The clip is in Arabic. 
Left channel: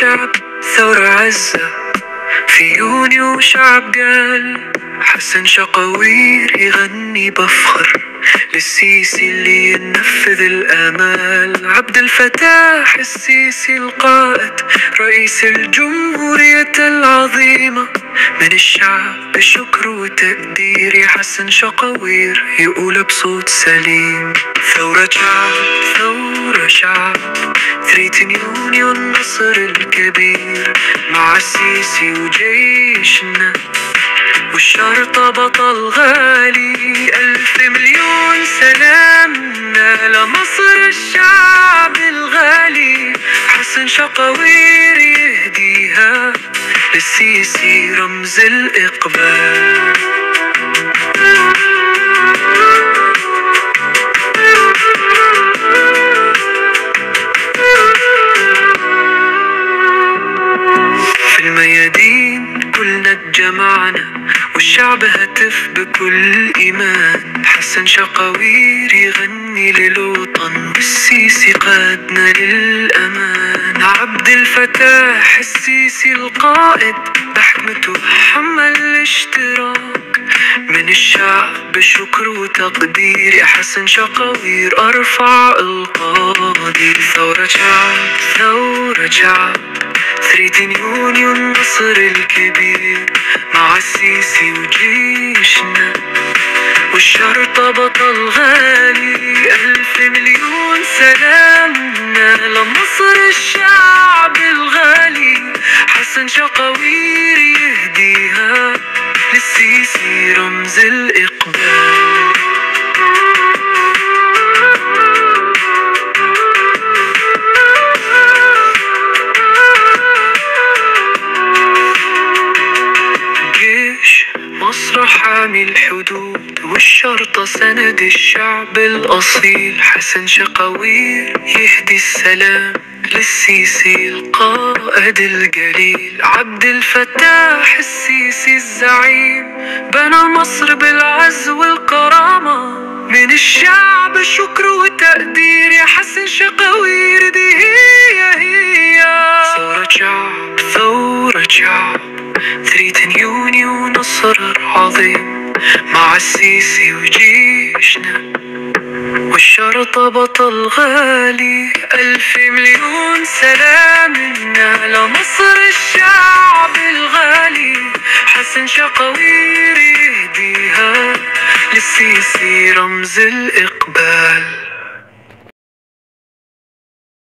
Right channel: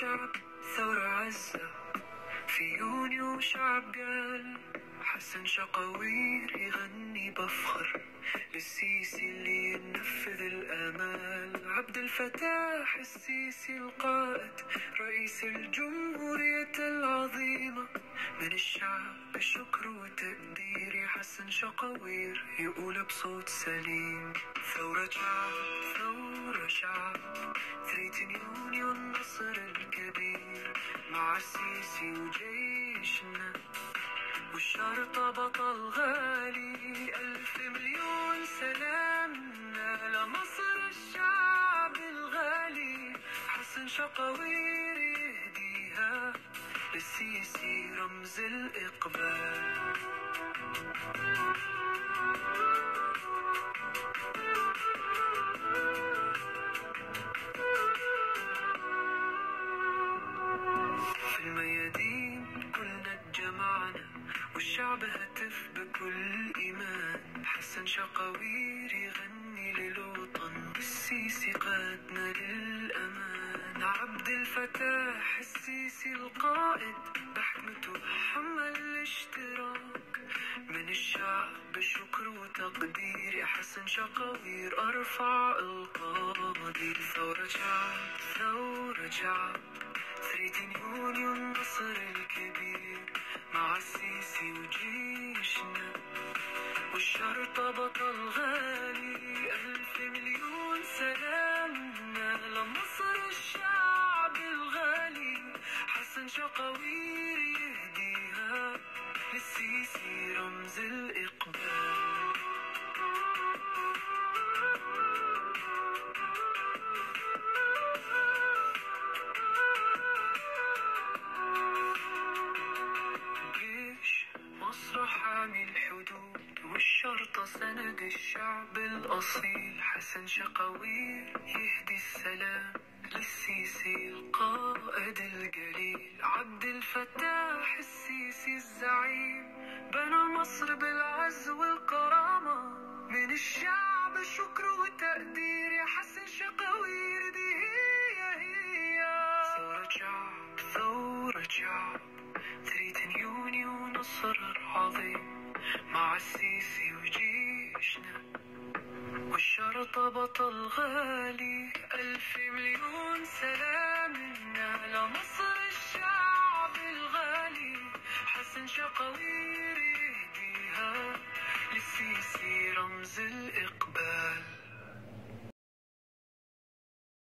شعب ثورة عزة في يونيو، شعب قال حسن شقاوير يغني بفخر للسيسي اللي ينفذ الآمال. عبد الفتاح السيسي القائد رئيس الجمهورية العظيمة، من الشعب بشكر وتقدير يا حسن شقاوير يقول بصوت سليم: ثورة شعب، ثورة شعب، 3 يونيو النصر الكبير، مع السيسي وجيشنا والشرطة بطل غالي. 1000 مليون سلامنا لمصر الشعب الغالي، حسن شقاوير يهديها للسيسي رمز الإقبال. في الميادين كلنا اتجمعنا والشعب هتف بكل إيمان، حسن شقاوير يغني للوطن والسيسي قادنا للأمان. عبد الفتاح السيسي القائد بحكمته حمل الاشتراك، من الشعب بشكر وتقدير يا حسن شقاوير أرفع القاضي. ثورة شعب، ثورة شعب، 3 يونيو النصر الكبير، مع السيسي وجيشنا والشرطة بطل غالي. 1000 مليون سلامنا لمصر الشعب الغالي، حسن شقاوير يهديها للسيسي رمز الإقبال. مصر حامي الحدود والشرطة سند الشعب الأصيل، حسن شقاوير يهدي السلام للسيسي القائد الجليل. عبد الفتاح السيسي الزعيم بنى مصر بالعز والكرامة، من الشعب شكر وتقدير يا حسن شقاوير دي هي ثورة شعب، ثورة شعب، 3 يونيو نصر عظيم، مع السيسي وجيشنا والشرطة بطل غالي. 1000 مليون سلامنا لمصر الشعب الغالي، حسن شقاوير يهديها للسيسي رمز الإقبال.